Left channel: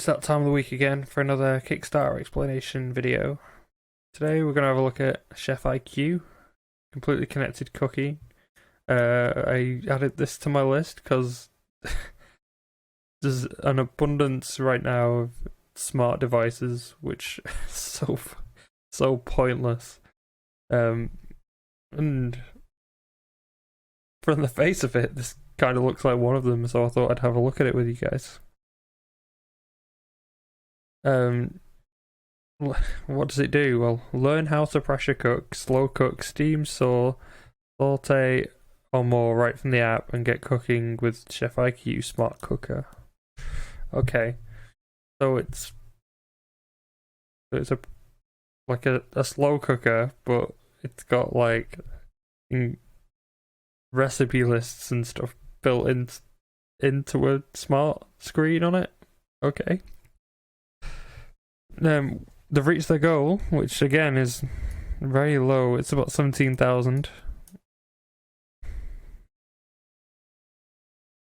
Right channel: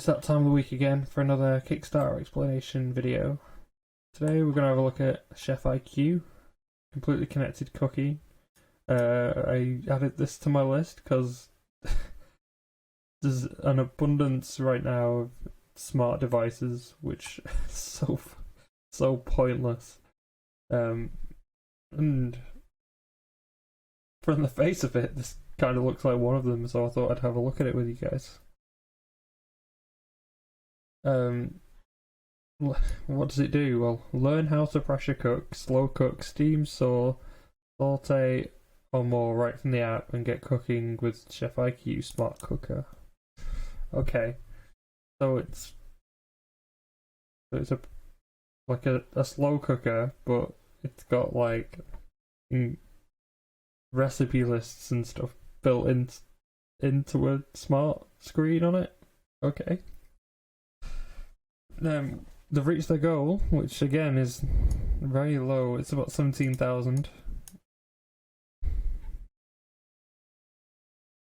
It's that time of the week again for another Kickstarter explanation video. Today we're going to have a look at Chef IQ, completely connected cooking. I added this to my list because there's an abundance right now of smart devices which is so pointless. And from the face of it, this kind of looks like one of them, so I thought I'd have a look at it with you guys. What does it do? Well, learn how to pressure cook, slow cook, steam, saute or more right from the app and get cooking with Chef IQ Smart Cooker. Okay, so it's like a slow cooker, but it's got like recipe lists and stuff built into a smart screen on it. Okay. They've reached their goal, which again is very low. It's about 17,000,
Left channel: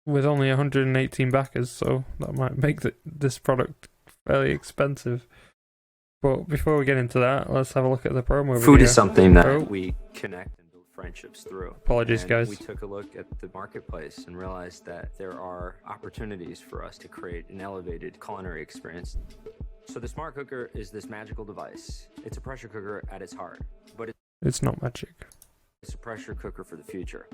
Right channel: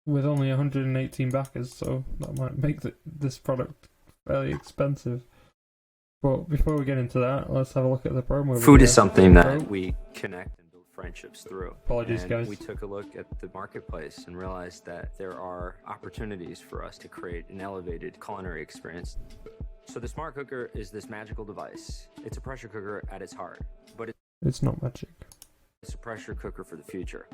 with only 118 backers, so that might make this product fairly expensive. But before we get into that, let's have a look at the promo. Food is something that we connect and build friendships through. Apologies, guys. We took a look at the marketplace and realized that there are opportunities for us to create an elevated culinary experience. So the Smart Cooker is this magical device. It's a pressure cooker at its heart, but it's not magic. It's a pressure cooker for the future.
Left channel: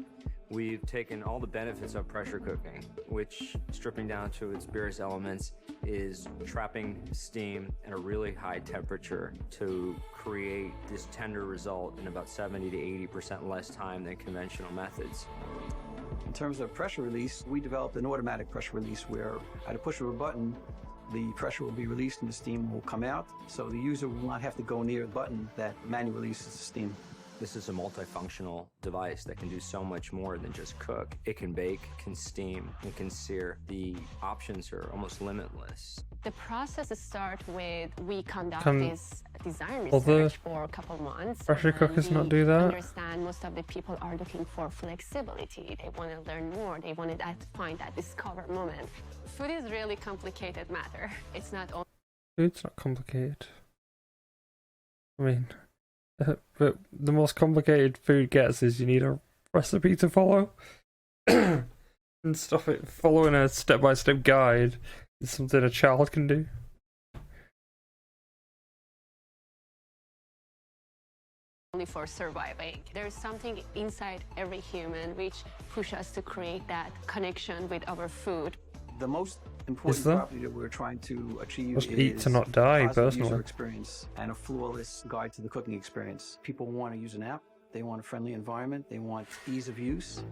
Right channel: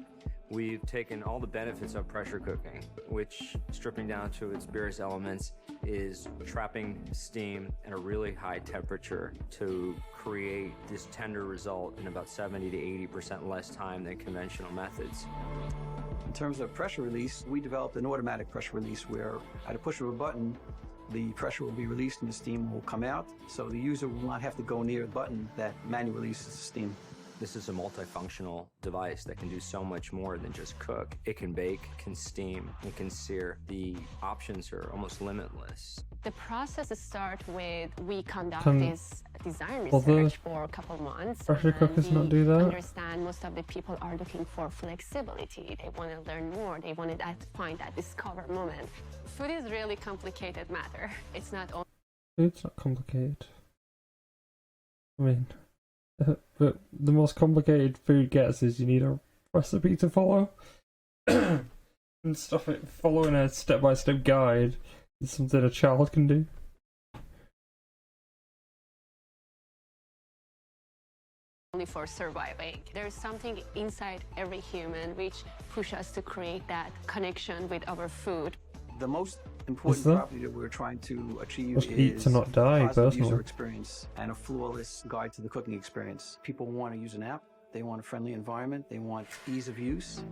We've taken all the benefits of pressure cooking, which, stripping down to its barest elements, is trapping steam at a really high temperature to create this tender result in about 70 to 80% less time than conventional methods. In terms of pressure release, we developed an automatic pressure release where at a push of a button, the pressure will be released and the steam will come out, so the user will not have to go near the button that manually releases the steam. This is a multifunctional device that can do so much more than just cook. It can bake, can steam, it can sear. The options are almost limitless. The process starts with we conduct this design research for a couple months. Pressure cookers not do that? Understand most of the people are looking for flexibility. They want to learn more. They want to find that discover moment. Food is really complicated matter. It's not only. Food's not complicated. I mean, but the most complicated food gets is you need a recipe to follow and stuff. Following a step-by-step guide is something a child can do. Only for surviving. There's something inside every human which pushes us to create that connection with our food. The most important property that we're trying to achieve is to not die, positive user experience and a flawless guide to the cooking experience. People want to use an app, they want a friendly environment, they want ease of use.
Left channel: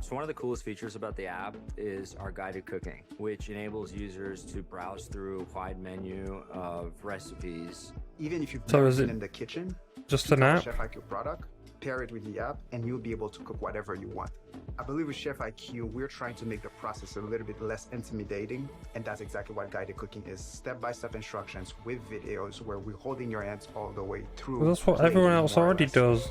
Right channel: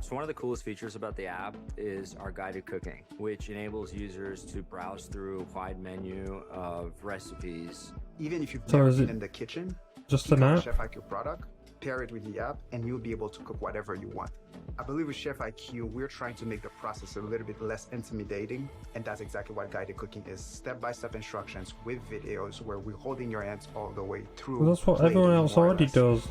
So one of the coolest features about the app is our guided cooking, which enables users to browse through a wide menu of recipes. Even if you've never been in the kitchen, just pick an up a app? Chef IQ product, pair it with the app, and you'll be able to cook whatever you want. I believe with Chef IQ, we're trying to make the process a little bit less intimidating, and that's exactly what guided cooking is. Step-by-step instructions with videos where we're holding your hands all the way through. Well, that's what everyone else already does.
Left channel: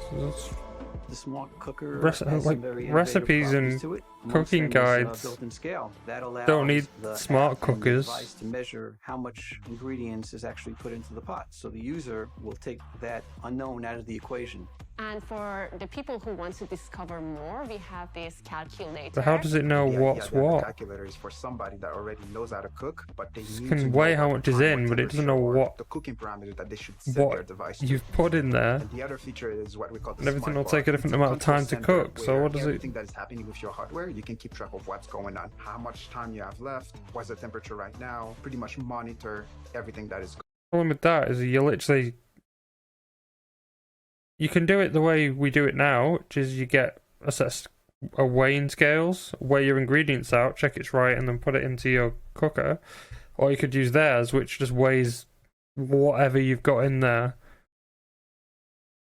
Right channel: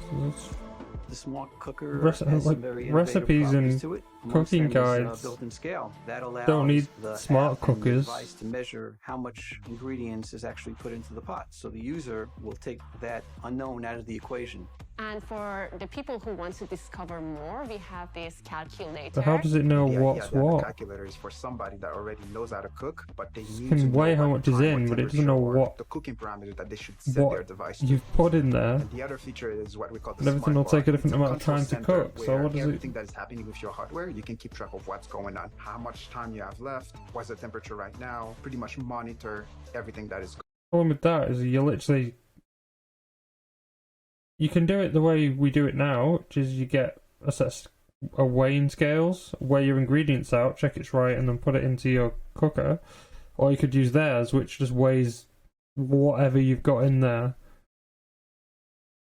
The Smart Cooker has some very innovative recipes properties and to it. cooking guides. Built-in scale that allows don't need the smart app and the cookers. device to measure how much ingredients is actually put into the pot. So the user will take that unknown out of the equation. And for the people who want to discover more, we have this calculator. But how does it know what's The what? calculator is for somebody that already knows how to cook, but they need can to weigh know how what much is in, but it doesn't know what the cooking parameters that they should set their device to. You've put in there. And the other feature is what we call the And everything smart will bar. take a different It's amount of control time to center cook, so where what does it- everything that is happening with your hardware, you can keep track of what's going on, how much time you have left, what's the temperature right now, pretty much monitor everything that is going on. The problem with that is that you can do it the way we do it now, which is you get a weighing scales, weigh your ingredients out, check it's right, and then put it into your cooker. Or you could use theirs, which just weighs whatever you've got in there.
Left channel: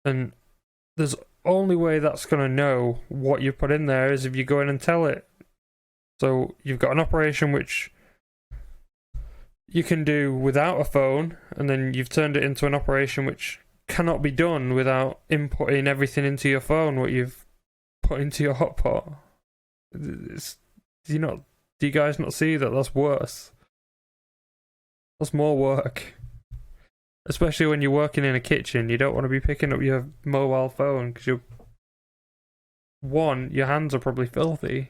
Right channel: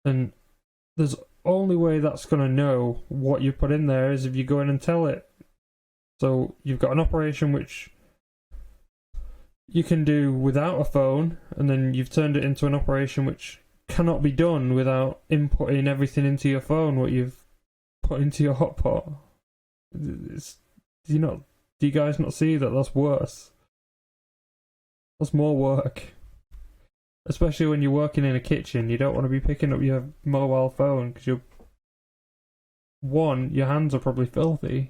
And there's only way that's going to know what you put in there is if you go in and tell it. So you've got an operation which you can do without a phone, and then you've turned it into an operation which cannot be done without inputting everything into your phone what you've put into your hot pot. Do you guys not see that that's worse? That's more work. Especially when you're working in a kitchen, you don't want to be picking up your mobile phone because one, your hands are probably filthy.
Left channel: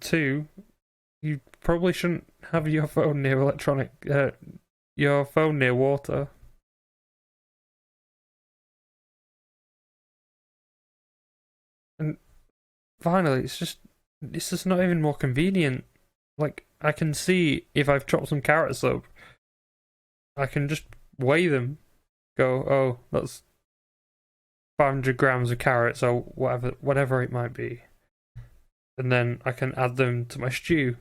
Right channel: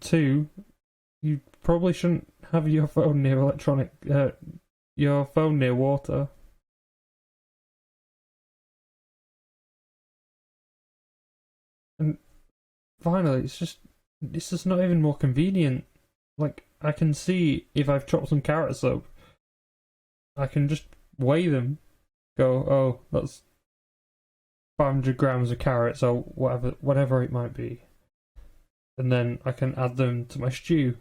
Two, you probably shouldn't have your phone near your phone near water. And finally, it's just not even more convenient. Like, I can see if I've chopped some carrots up, I can just weigh them, go, oh, that's 500 grams of carrots or whatever it might be. And then I can add them to my stew.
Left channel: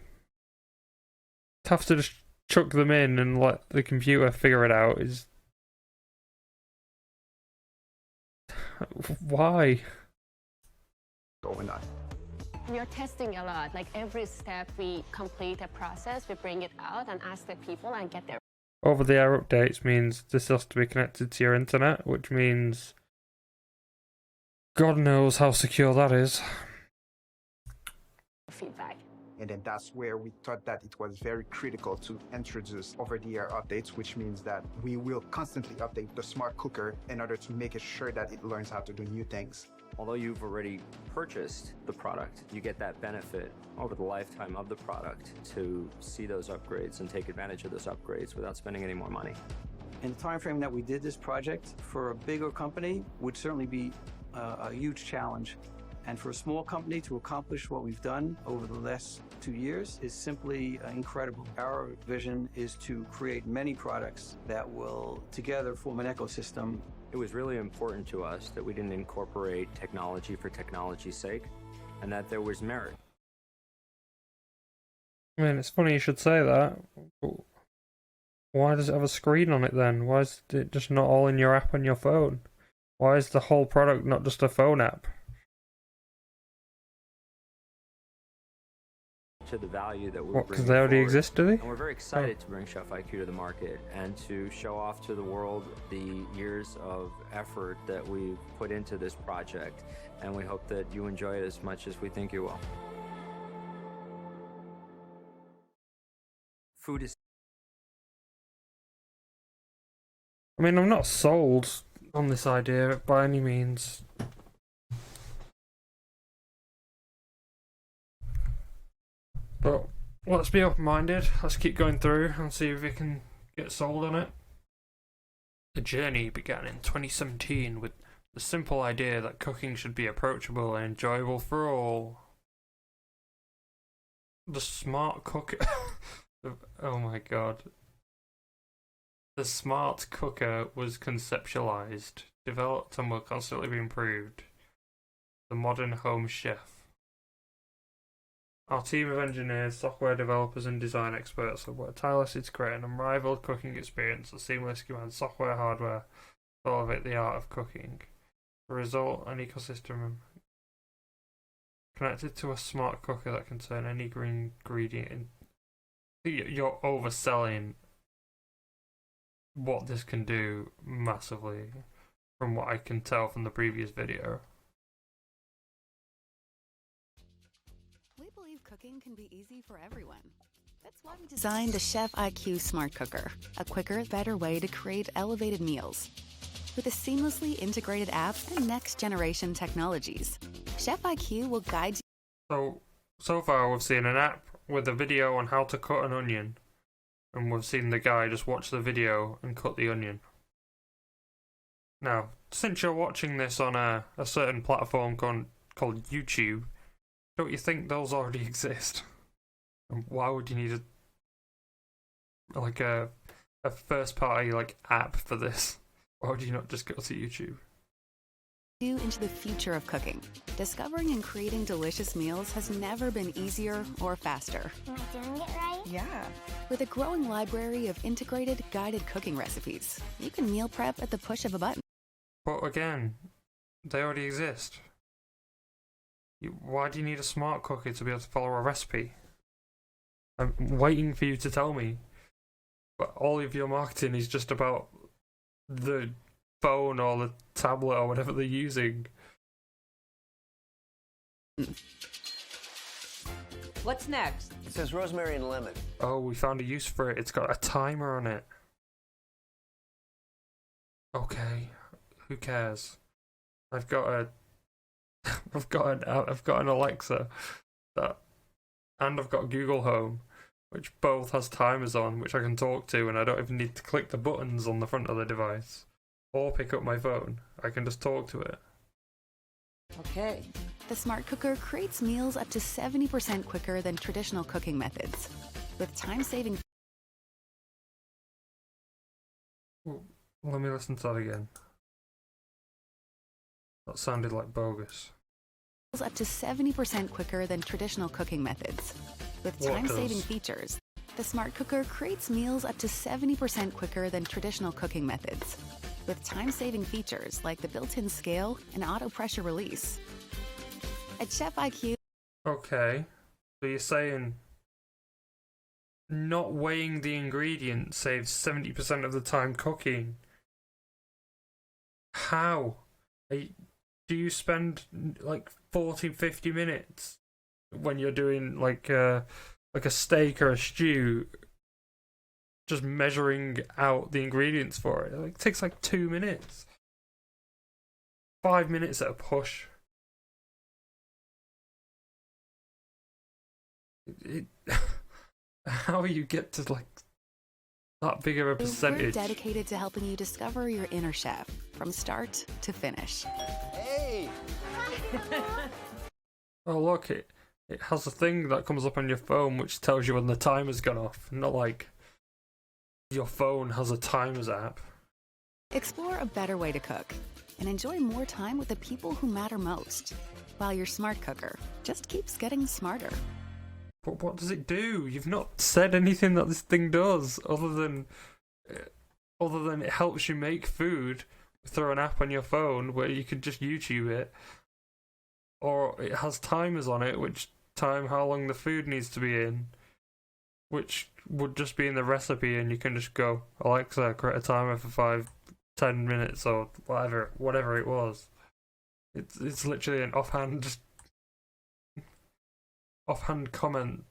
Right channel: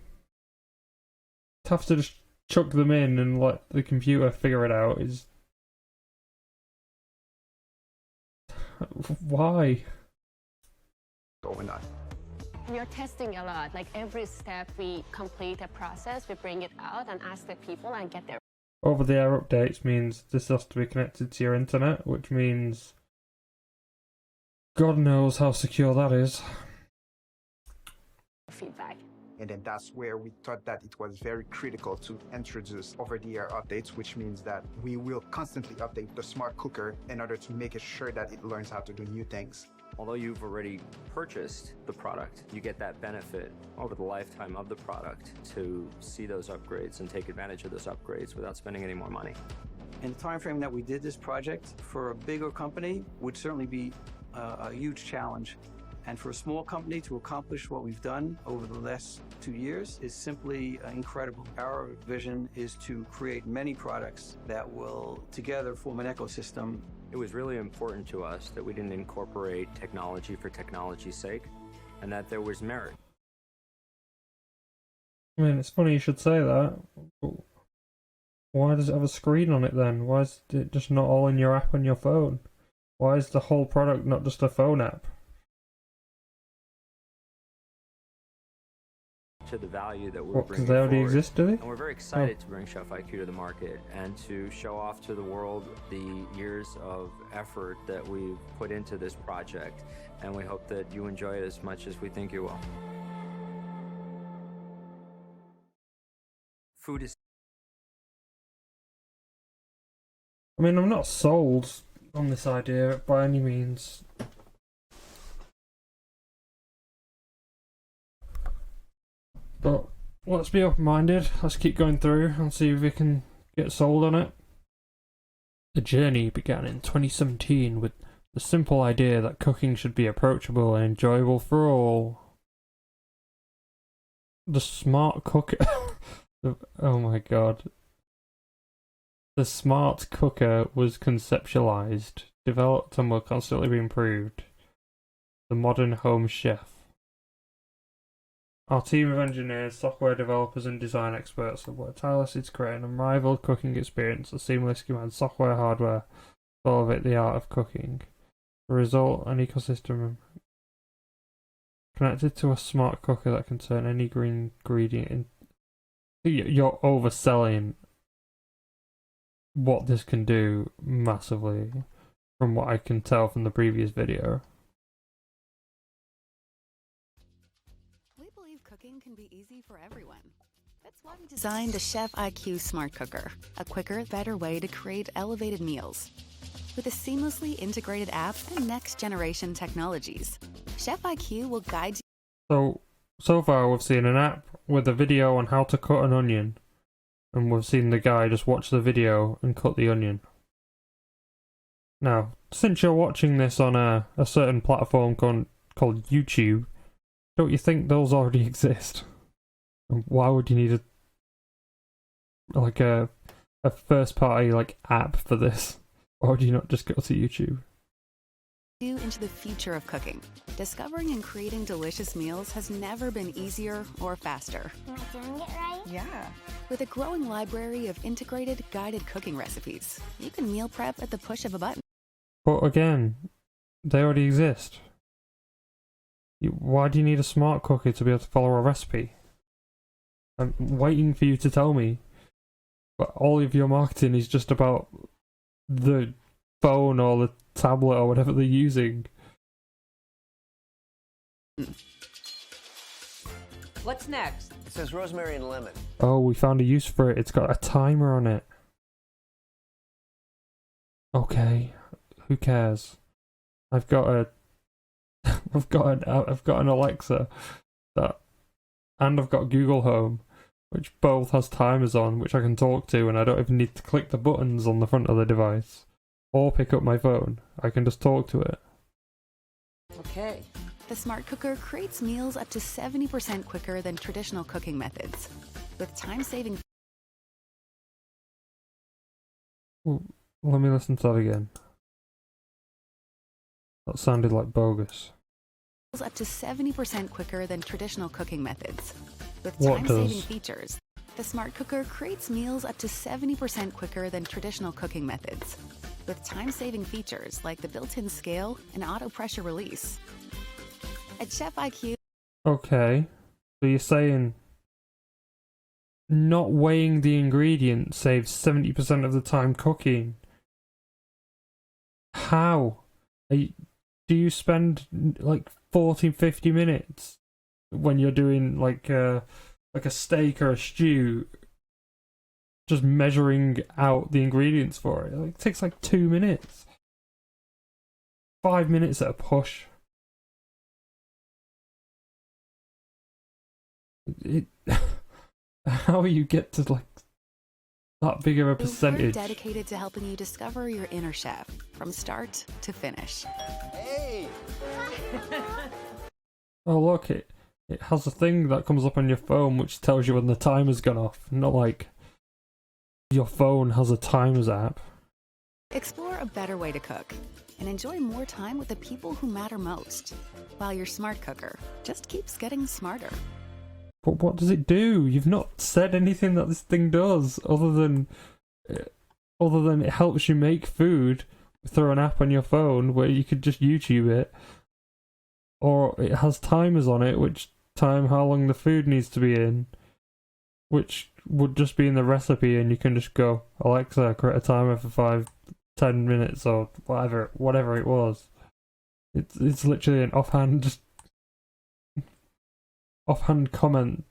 To have to just chuck them in and let the computer figure it out is... Why? Going on. We are testing a lot. Like every step we complete a process, we bring it out and ask the people and get their Over-the-air updates means this has to be connected to your internet, which means God knows how secure that is. feedback. And then that's where we thought that it was very critical to introduce over-the-air updates, which means that we will constantly update the smart cooker in order to make it sure that it learns how to do new things. Although you've already purchased the product, you get that benefit over the lifetime of the product to see those upgrades and take advantage of those upgrades without spending any more money. In the time frame that we did this project, for a bigger company would certainly be a huge challenge. And for a small company to accomplish what we've done over the last 2 years is simply incredible. Our vision is to create many products that will together form an ecosystem. It was really important to us that we didn't incorporate technology for technology's sake, and that there was merit. I mean, it's funny you should say that. Why does it have a screen on it then? Why is it just not all in your app on your phone? Why is the whole product not just a phone app? To the value that we're bringing Because they already forward. exist, do they? And we're very excited to bring Chef IQ to the market and to show off to the world the years of effort that we've put into this project. And we hope that you enjoy it as much as we think you will. Food is... I mean, I'm not sold on this idea by any means. But let's be open-minded. Let's keep going through and see if we can get sold on it. The journey began in 2017 with the simple idea that cooking should be approachable and enjoyable for all. The smart cooker... oh my god. The smart cooker was conceptualized, developed and will constantly be improved. The modern home chef. Our team of engineers, software developers and design experts have worked tirelessly to create an unrivaled cooking experience that seamlessly combines software, hardware, to elevate the art of cooking. The result, an ecosystem connected to a smart cooker that can turn any green ingredient in. You're overselling what this can do massively, from what I can tell from the previous video. We believe cooking can be easy for everyone. That's why we designed the Chef IQ Smart Cooker, a quicker, better way to create elevated meals. With a seamlessly integrated app and next-generation technologies, Chef IQ will guide you. So far we've seen an app with a video on how to cut an onion, and we've seen the guy just watch the video and cut the onion. Now, since you're watching this on a certain platform called YouTube, don't you think those already exist? And why would you need a first party app for this? Why would you not just go to YouTube? you into the future of cooking. Discovering and creating delicious meals has never been easier or faster. Am I doing it right? Yeah. With a growing library of integrated, guided cooking recipes, you can meal prep at the push of a button. But again, they already exist. Why do you need a smart cooker to be able to follow a recipe? I'm waiting for you to tell me. But all of your marketing is just about the phone or the tablet or whatever they're using. What's next? It says rosemary and lemon. Oh, we found a use for it. It's got a timer on it. Okay, who cares? I've got a, I've got an Alexa, and I've got Google Home, which both has timers on, which I can talk to, and I don't even need to click the buttons on the front of the device, or pick up my phone. I can just talk to it. Okay. The smart cooker creates meals up to 70% quicker than traditional cooking methods, with time-saving. Well, let me listen to that again. That sounded like bogus. Up to 70% quicker than traditional cooking methods. With What time-saving does? features, the smart cooker creates meals up to 70% quicker than traditional cooking methods. With time-saving features like the built-in scale and auto pressure release. At Chef IQ, Okay, so you're saying not weighing the ingredients saves 70% of the time cooking. How? Do you spend like 40, 50 minutes when you're doing like a steak or a stew just measuring out the ingredients for it? It takes like 2 minutes. 5 minutes at a push. How you get to like that big of a we're percentage? dedicated to helping you discover your inner chef from start to finish. Hey! Oh look, it has a thing that comes up on your phone which tells you when the timer's gone off. Not like your phone has a timers app. Explore a better way to cook and enjoy more time with the people who matter most, while your smart cooker just keeps getting smarter. But what does it do? You've not said anything that this thing does other than it helps you make food through an app on your phone where you could just YouTube it, or it has timers on it which time how long the food needs to be in, which would just be in the recipe, and you can just go, Alexa, create a timer for 5-10 minutes or whatever it was. It's literally an offhand comment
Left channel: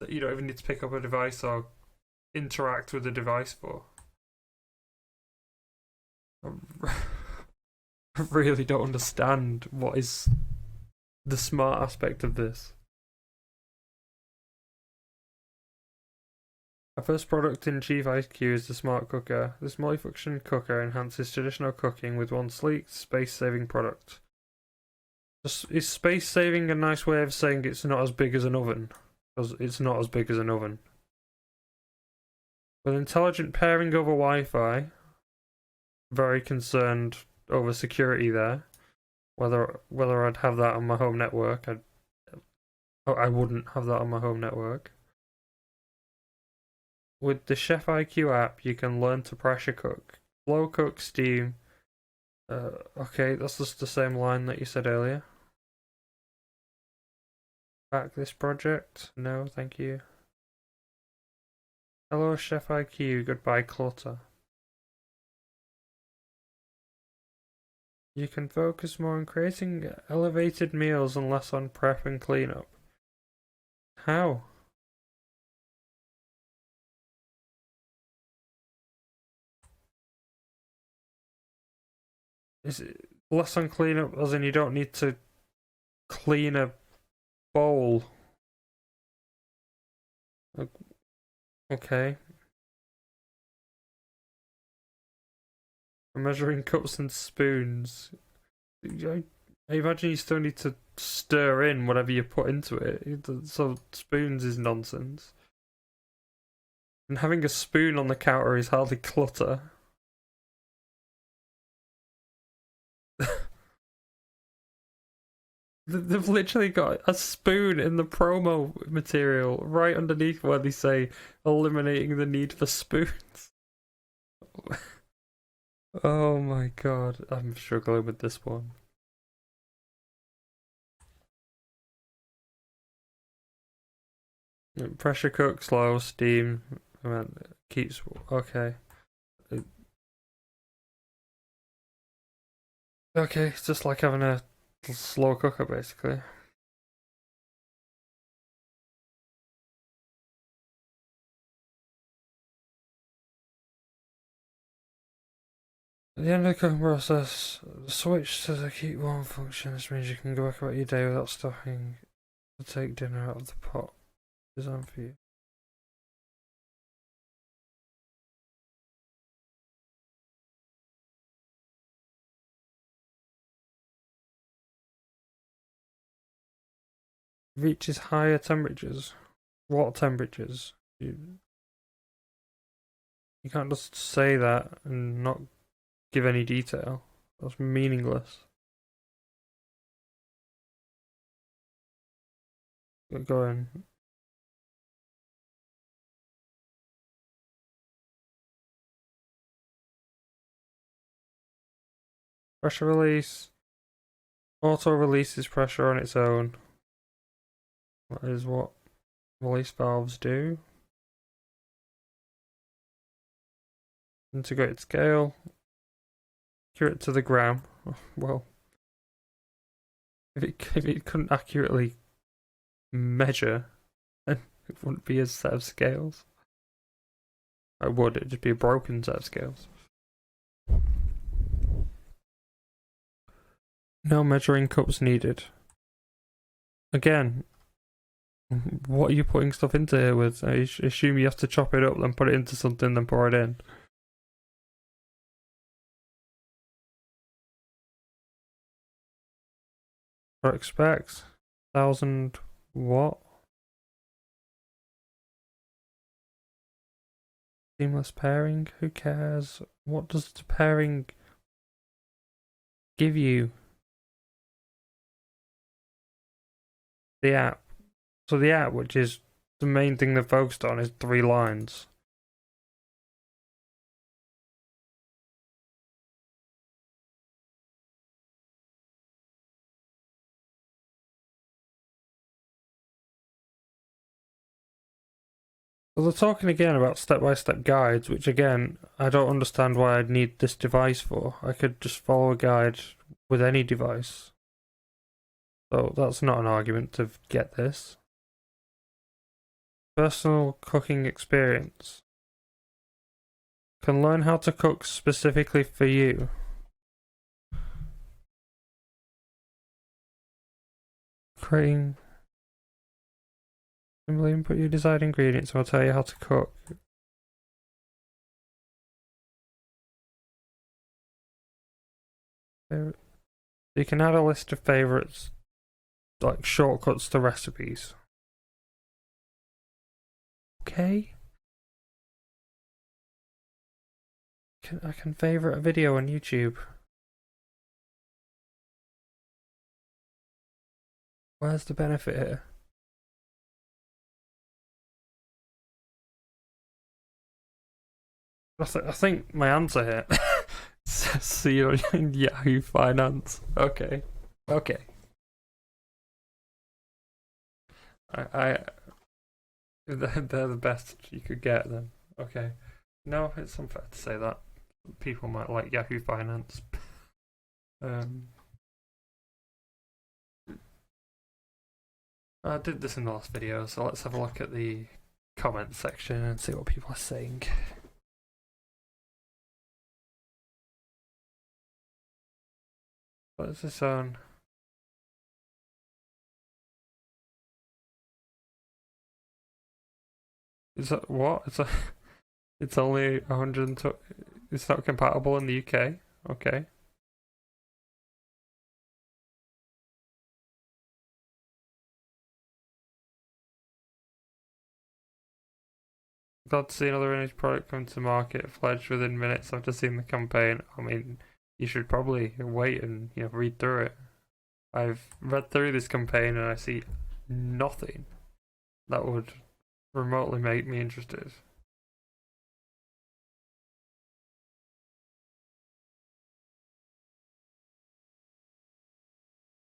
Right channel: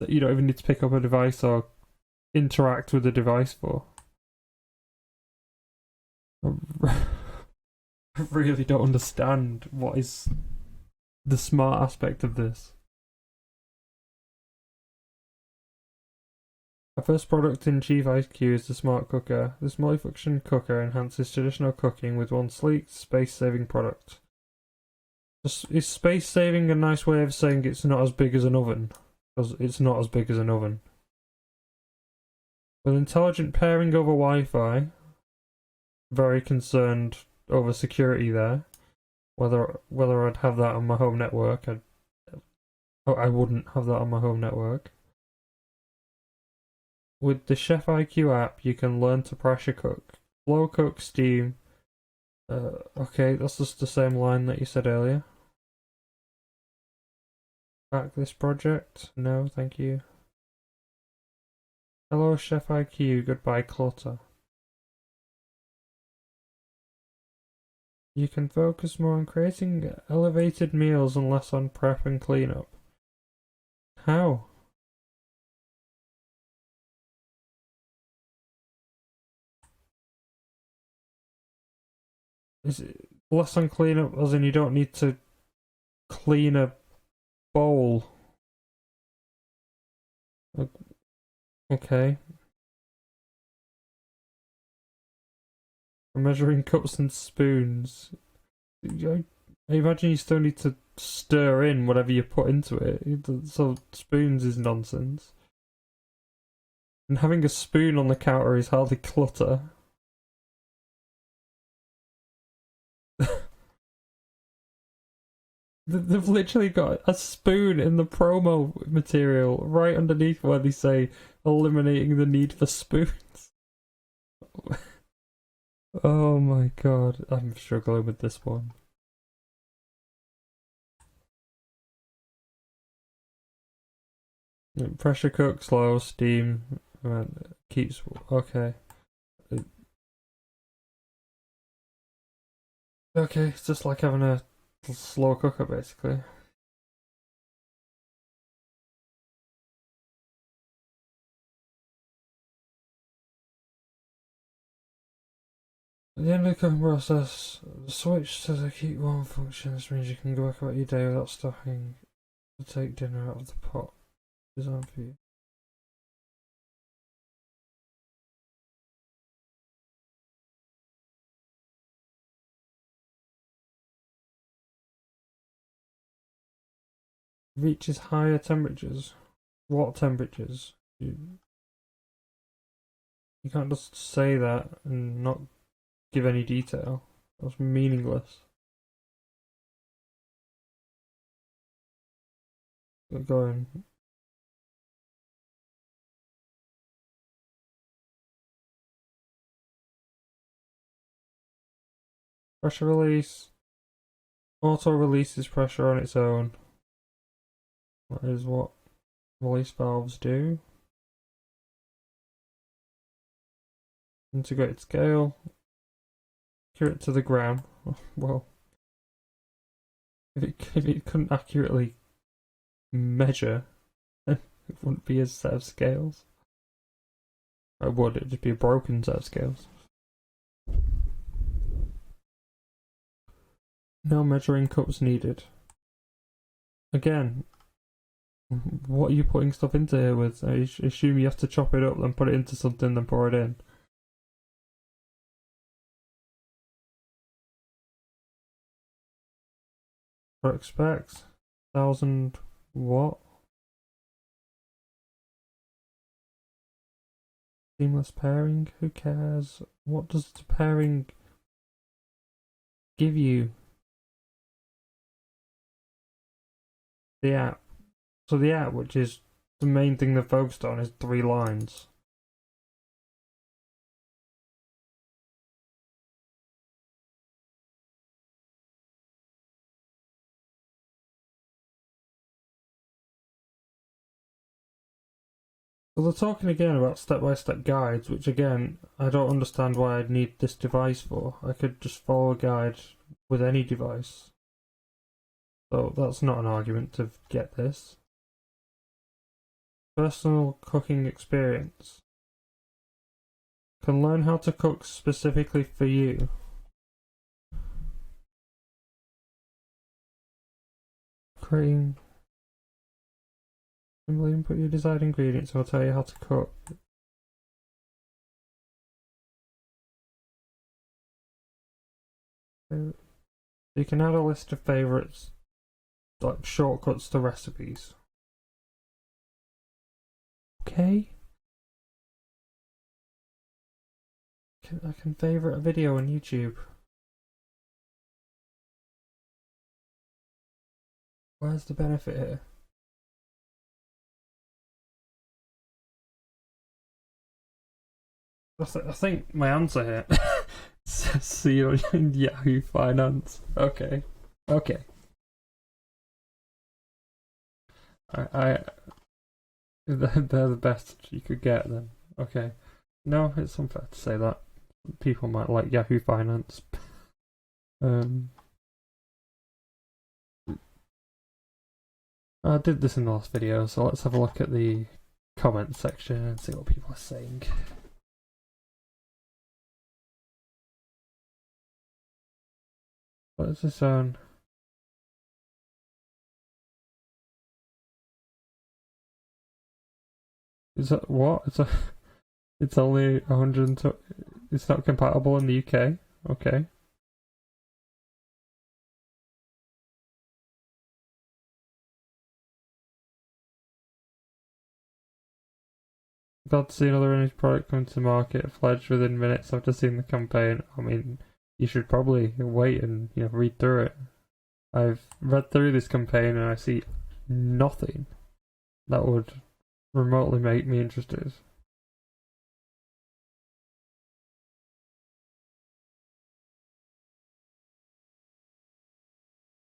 that you don't even need to pick up a device or interact with the device for. I really don't understand what is the smart aspect of this. Our first product in Chief IQ is the Smart Cooker. This multifunction cooker enhances traditional cooking with one sleek, space-saving product. Is space-saving a nice way of saying it's not as big as an oven? Because it's not as big as an oven. With intelligent pairing over Wi-Fi, very concerned over security there. Whether I'd have that on my home network, I wouldn't have that on my home network. With the Chef IQ app, you can learn to pressure cook, slow cook, steam. Okay, that's just the same line that you said earlier. Back this project? No, thank you. Hello, Chef IQ. Goodbye, clutter. You can focus more on creating elevated meals and less on prep and cleanup. How? Is it less on cleanup as in you don't need to clean a bowl? Okay. Measuring cups and spoons. I imagine you still need to stir in whatever you put into it. So spoons is nonsense. And having a spoon on the counter is hardly clutter. They've literally got a spoon in the promo material right underneath where they say eliminating the need for spoons. Oh my god, I'm struggling with this one. Pressure cook, slow, steam, keeps. Okay. Okay, it's just like having a slow cooker basically. At the end of the cooking process, the switch to the keep warm function. This means you can go back about your day without stopping to take dinner out of the pot. Designed for you. Reaches higher temperatures. What temperatures? You can't just say that and not give any detail. That's meaningless. Go on. Pressure release. Auto releases pressure on its own. That is what release valves do. Integrated scale. Accurate to the gram. Well, if it couldn't accurately measure, then it wouldn't be a set of scales. Or would it just be a broken set of scales? No measuring cups needed. Again, what are you putting stuff into here with? I assume you have to chop it up, then put it into something, then pour it in. Product specs, 1000 watt. Seamless pairing, who cares? What does the pairing give you? The app. So the app, which is the main thing they're focused on, is 3 lines. Well, they're talking again about step-by-step guides, which again, I don't understand why I'd need this device for. I could just follow a guide with any device. So that's not an argument to get this. Personal cooking experience. Can learn how to cook specifically for you. Creating. Simply input your desired ingredients, and I'll tell you how to cook. You can add a list of favorites, like shortcuts to recipes. Okay. I can favorite a video on YouTube. Where's the benefit here? I think my answer here. See you in Yahoo Finance. Okay. They're the best you could get then. Okay. No, it's unfair to say that. People might like Yahoo Finance. I did this in the last video, so let's have a look at the comment section and see what people are saying. What is this on? Is that what? It's only 120. It's not compatible in the UK. Okay. Glad to see another image product come to market, fledged within minutes after seeing the campaign. I mean, you should probably wait and read through it. I've read through this campaign and I see nothing that would remotely make me interested.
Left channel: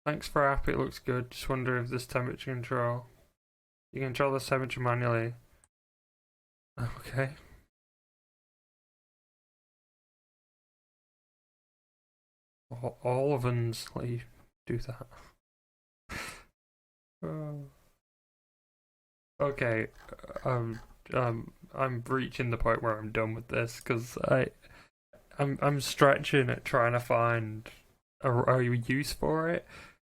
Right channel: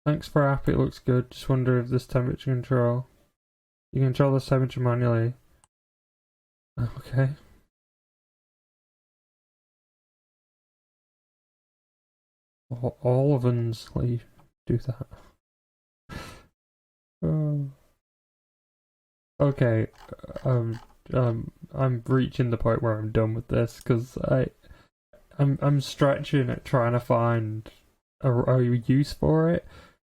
Thanks for app, it looks good. Just wonder if this temperature control. You can control the temperature manually. Okay. All ovens let you do that. Okay, I'm reaching the point where I'm done with this because I I'm stretching at trying to find a use for it.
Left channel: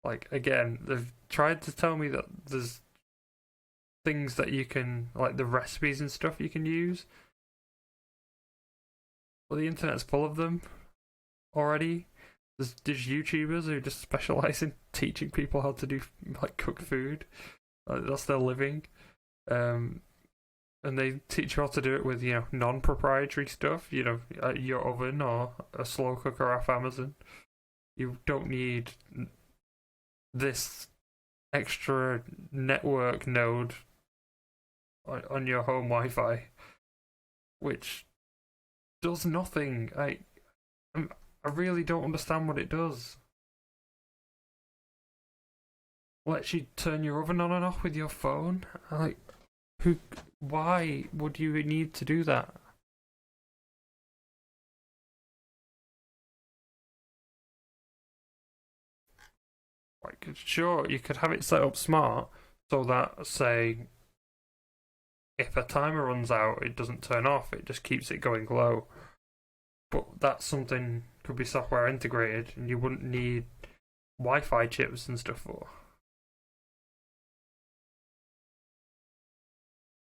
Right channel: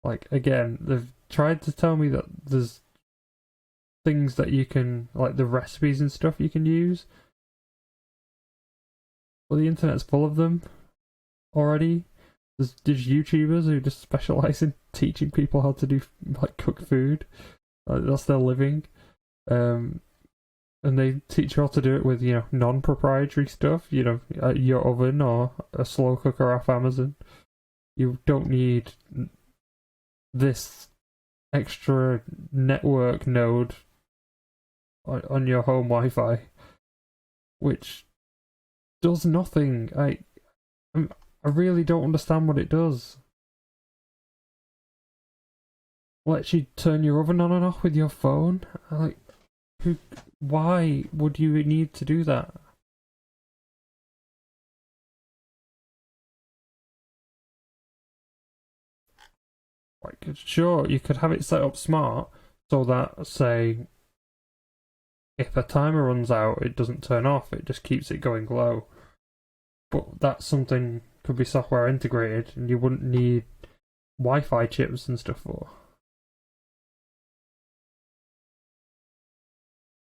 Like, again, they've tried to tell me that there's things that you can, like the recipes and stuff you can use. Well, the internet's full of them already. There's YouTubers who just specialize in teaching people how to do, like, cook food. That's their living. And they teach you how to do it with, you know, non-proprietary stuff, you know, your oven or a slow cooker off Amazon. You don't need this extra network node on your home Wi-Fi, which does nothing. I really don't understand what it does. Lets you turn your oven on and off with your phone. Like, why would you need to do that? Like, sure, you could have it set up smart so that, say, if a timer runs out, it doesn't turn off, it just keeps it going low. But that's something could be software integrated, and you wouldn't need Wi-Fi chips and stuff for.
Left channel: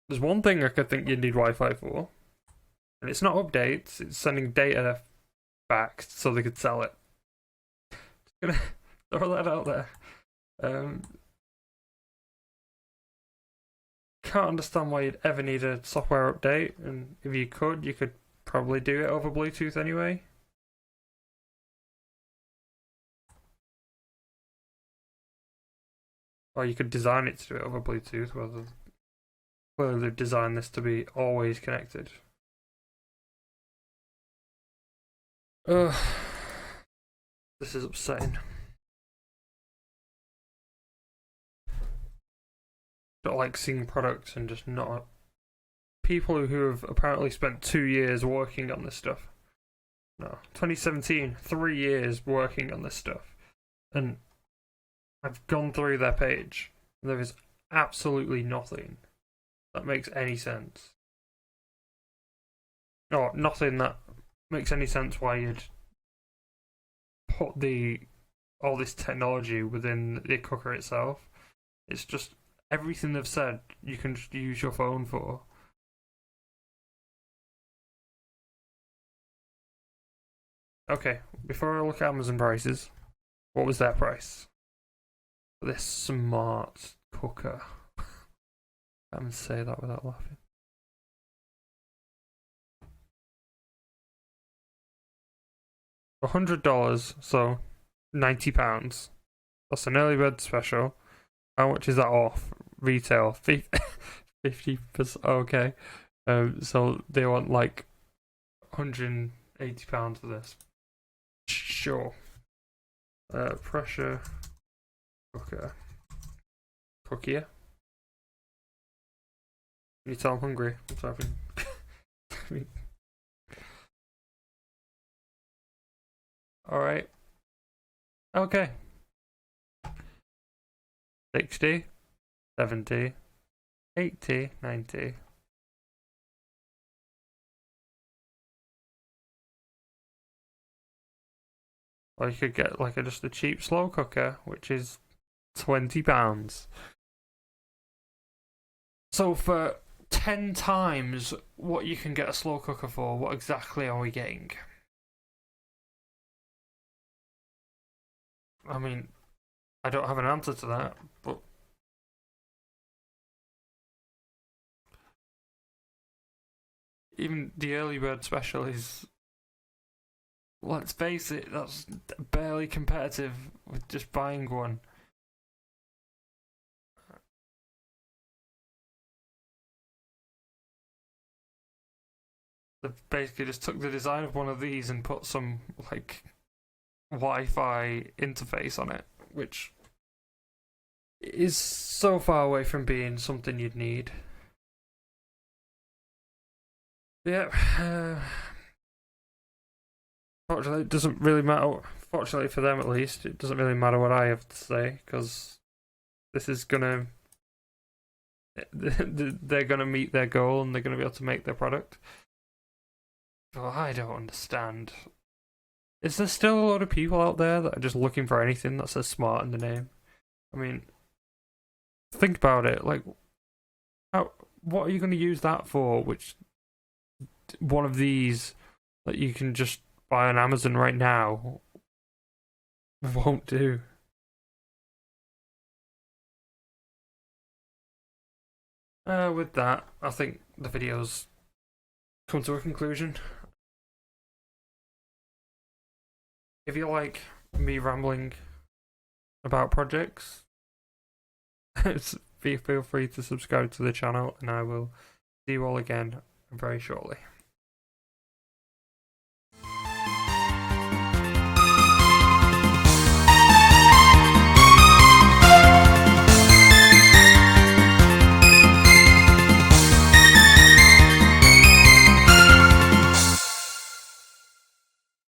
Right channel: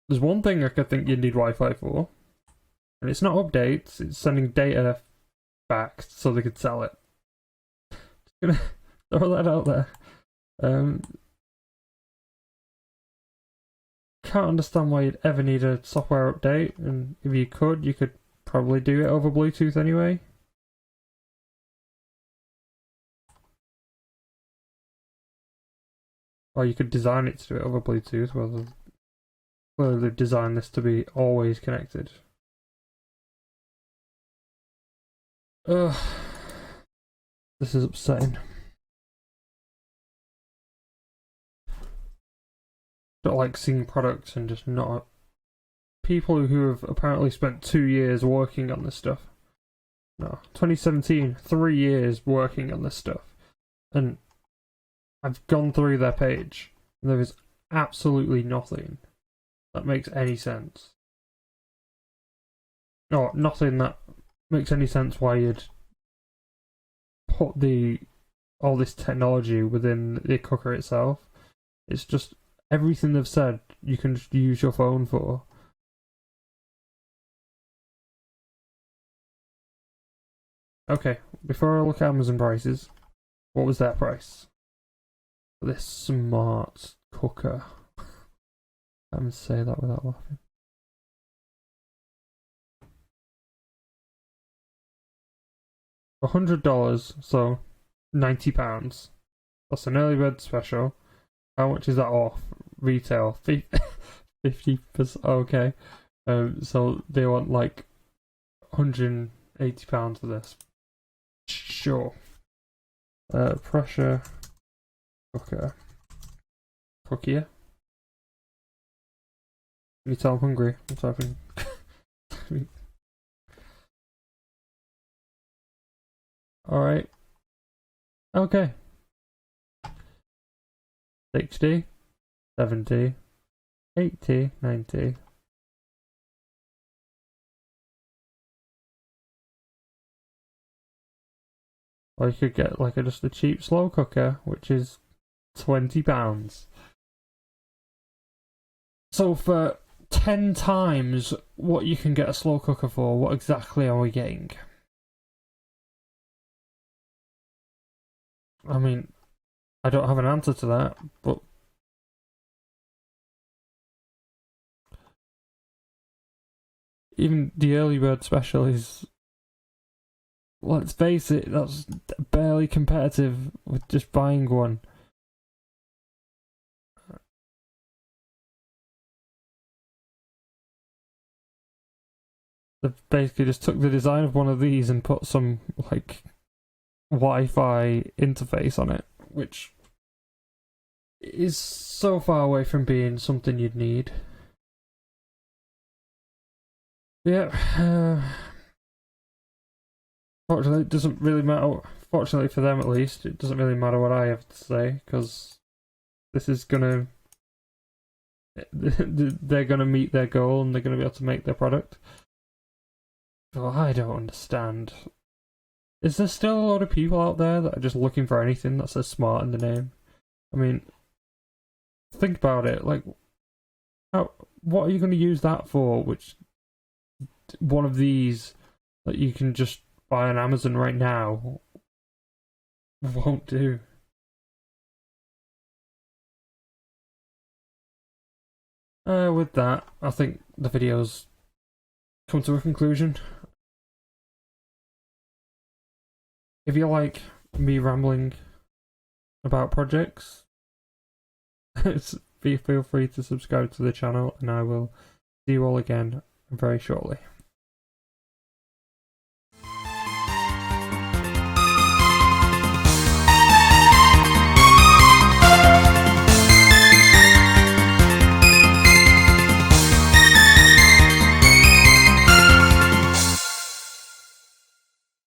There's one thing I could think you'd need Wi-Fi for, and it's not updates, it's sending data back so they could sell it. Just gonna throw that out there. Can't understand why you'd ever need a software update, and if you could probably do it over Bluetooth anyway. Or you could design it to do it over Bluetooth, whether they've designed this to be always connected. Ugh. This is upsetting. Don't like seeing products and just not people who have apparently spent 2 years working on this stuff. No, 2017, 3 years working on this stuff, and I've gone through their page, and there is absolutely nothing that makes any sense. No, nothing that makes any sense why you'd put all this technology within the cooker itself. It's just everything they've said you can just use your phone for. Okay, before I look at Amazon prices, what was their price for this smart cooker? I can't say that without laughing. $100, so £90. That's an early bird special. How much is that off retail? 50%. Okay. So they want like £180 for this. Sure. Pressure cooker. Cookier. Can you tell I'm hungry? What's happening? Alright. Okay. 60, 70, 80, 90. Or you could get like just a cheap slow cooker, which is £20. So for 10 times what you can get a slow cooker for, what exactly are we getting? I mean, I don't have an answer to that, but even the early bird special is, let's face it, that's barely competitive with just buying one. They basically just took the design of one of these and put some like Wi-Fi interface on it, which is so far away from being something you'd need. Yeah. Fortunately, it doesn't really matter. Fortunately for them, at least, it doesn't really matter what I have to say, because this is gonna. They're gonna meet their goal, and they're gonna be able to make their product. Well, I don't understand. Is there still a lot of people out there that are just looking for anything that says smart in the name? I mean, think about it. Like, what are you going to use that for? Which one of these that you can just buy on Amazon right now won't do? With that, I think the video's come to a conclusion. If you like me rambling about projects, feel free to subscribe to the channel, and I will see you all again very shortly.